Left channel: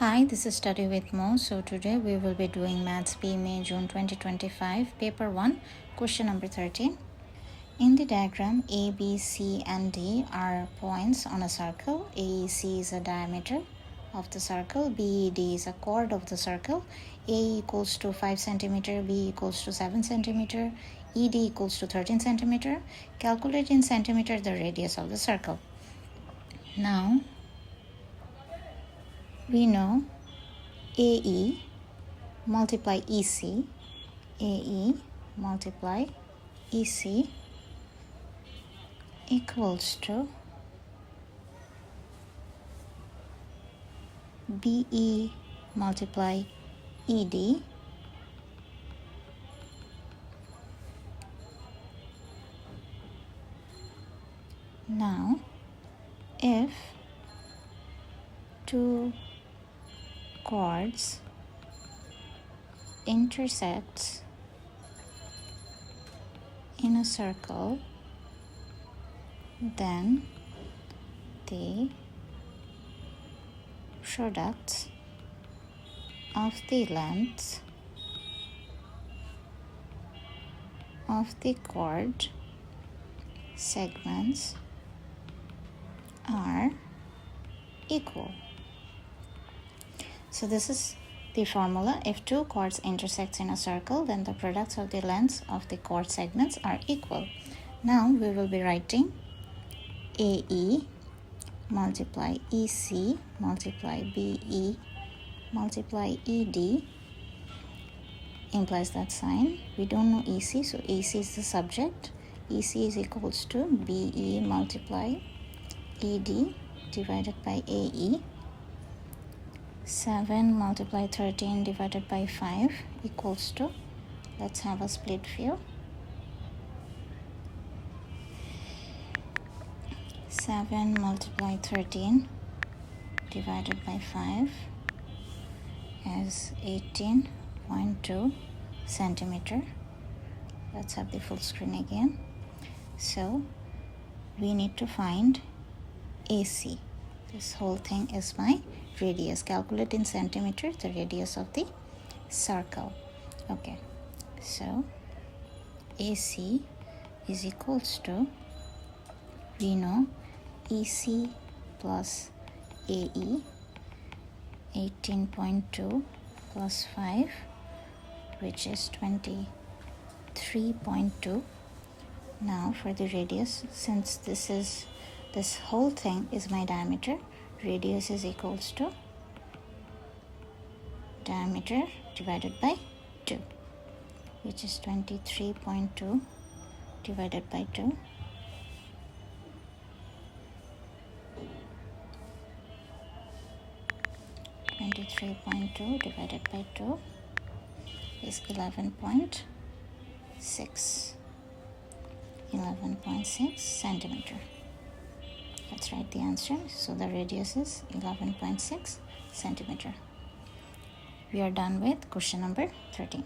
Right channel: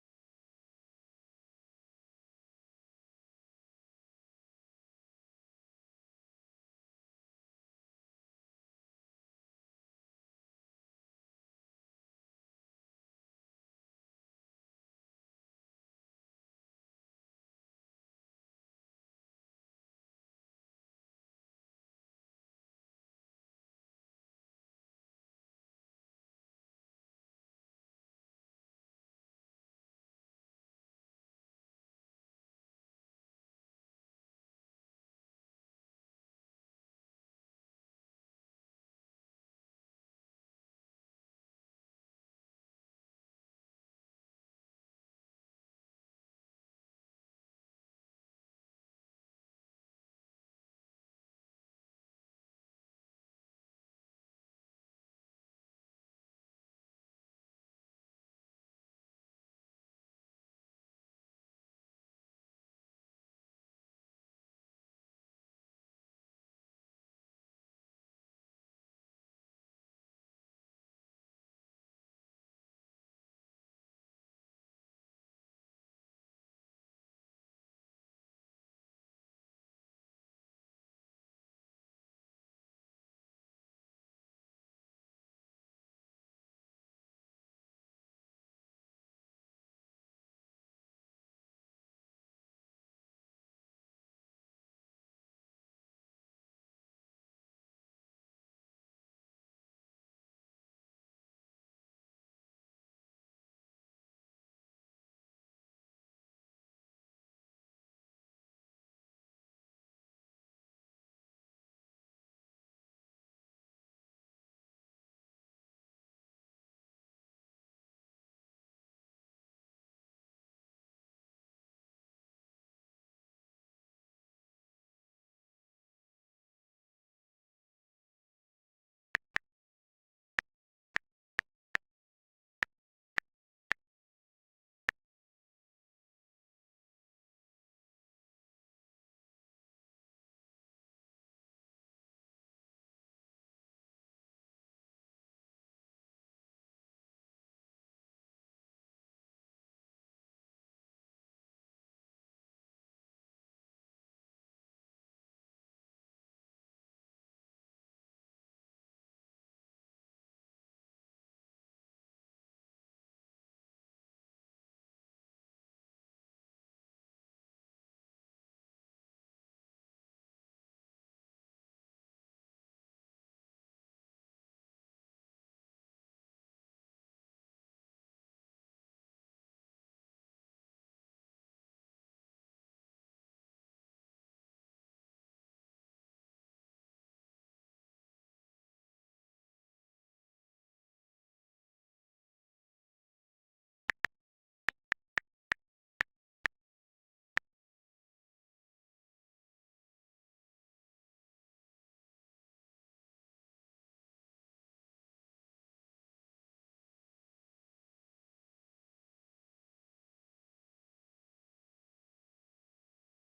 Hi, this is Study with Mo. So today we will be doing Maths B May June 2025, Paper 1, question number 13. In the diagram, A, B, C and D are points on a circle. AEC is a diameter of the circle. BED is a chord of the circle. A equals to 5 cm, B equals to 7 cm, ED equals to 13 cm. Calculate in centimeter the radius of the circle. Now, we know AE multiply EC, AE multiply EC equals to BE multiply ED Now, if two chords intersects in a circle, then the products of the lengths of the chord segments are equal. So this is the formula. If two chords intersect in a circle, then the products of the lengths of the chord segments are equal. Now we will be writing AE multiply EC multiply BE multiply ED implies that sign. We don't know EC, so EC is the subject. EC is equals to BE multiply ED divided by AE. 7 multiply 13 divided by 5 equals to, let's have a split view. 7 multiply 13 divided by 5 is 18.2 centimeter. Let's have the full screen again. So we need to find AC. This whole thing is my radius. Calculate in centimeter the radius of the circle. Okay, so AC is equals to, we know EC plus AE, 18.2 plus 5, which is 23.2. Now for the radius, since this whole thing is my diameter, radius is equals to diameter divided by 2, which is 23.2 divided by 2. Divided by 2 is 11.6 centimeter. Let's write the answer. So the radius is 11.6 centimeter. We are done with question number 13.